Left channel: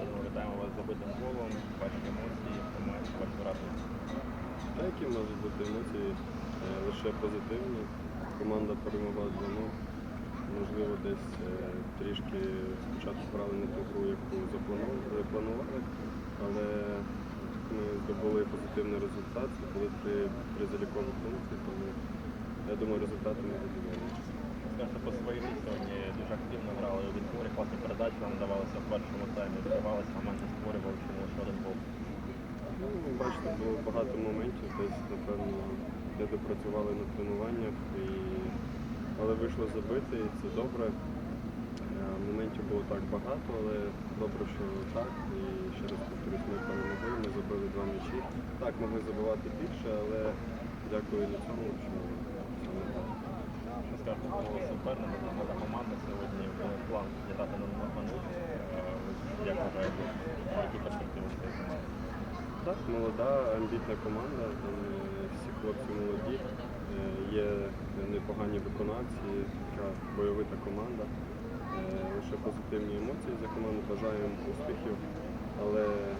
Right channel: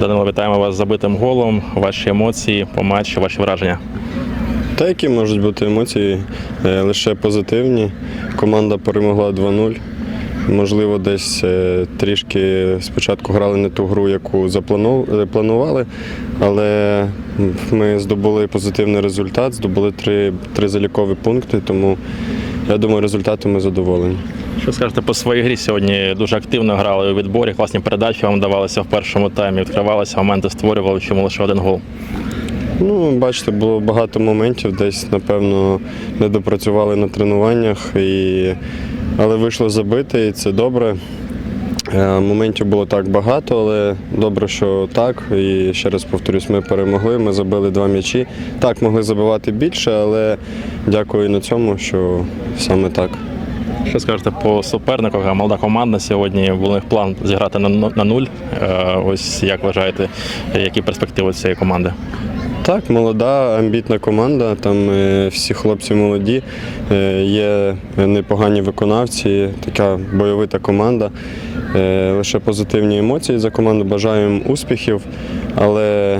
Данило, вітаємо вас з забитим голом. Ваші емоції по матчу, ваші враження. Та які можуть бути емоції Е, лише позитивні. Команда перемогла 2-0. Можливо, десь е, трішки спочатку грали не ту гру, яку запланов- е, але ми здобули позитивний результат, здобули три, три залікові пункти, тому я думаю, результатом ми задоволені. Що скажете по своїй грі сьогодні? Дуже активно грали у відборі, класні передачі вам давалися в першому таймі, відкривалися, моменти створювали, чому лише один гол. Ну, бачите, було багато моментів, десь, напевно, не допрацювали на тренуваннях, і... але вийшло забити, і це добре. Е, Моментів було так багато, але добре, що так. І ще раз повторюсь, ми перемогли, ми забили два м'ячі. Так, могли забивати більше, але дякую на цьому, що саме так. Що скажете по супернику? Молода команда сьогодні. Був план зіграти на, ну- нуль. Е, Ось як вважаєте, які перспективи цієї команди? Так, молода, амбітна команда. Там е, всі хлопці молоді, е, є непогані виконавці, така бойовита команда. Е, Лише позитивні емоції за команду. Бажаю їм успіхів, але,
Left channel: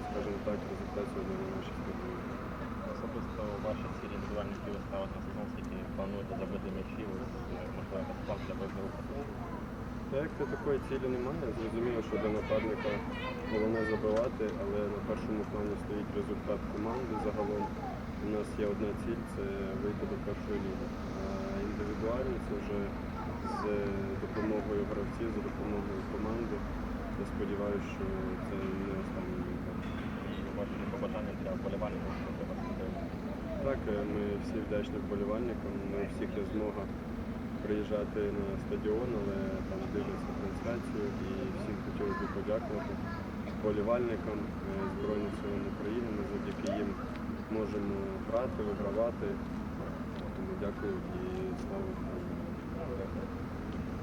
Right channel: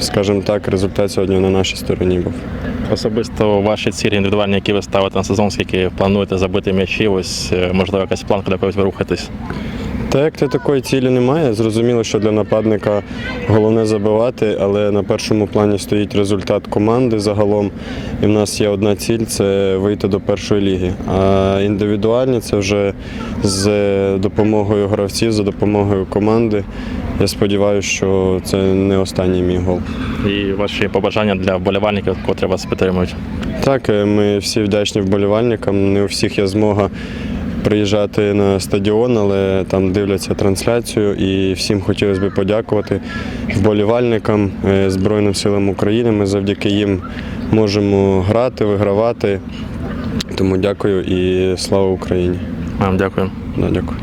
скажімо так, результат сьогодні на нашій стороні був. Особисто ваші цілі індивідуальні, які ви ставите на сезон, скільки плануєте забити м'ячі, ось можливо якась планка до ви рухаєтесь. Та як то такої цілі немає. Зрозуміло, що для нападника головне забивати, але на першому плані стоїть результат команди загалом. І в нас є одна ціль це вийти до першої ліги. А індивідуальні це вже з допомогою гравців, за допомогою команди. Я сподіваюся, що це не останній мій гол. І ваші побажання для вболівальників, котрі вас підтримують. Так, е, ми всі вдячні вболівальникам. Не у всіх є змога приїжджати на стадіон, але там дивляться трансляцію. І всім хотілося б подякувати вболівальникам е, Збройним силам України. Ми завдяки їм можемо грати, вигравати. Тому дякую і слава Україні. Вам дякую. Да, дякую.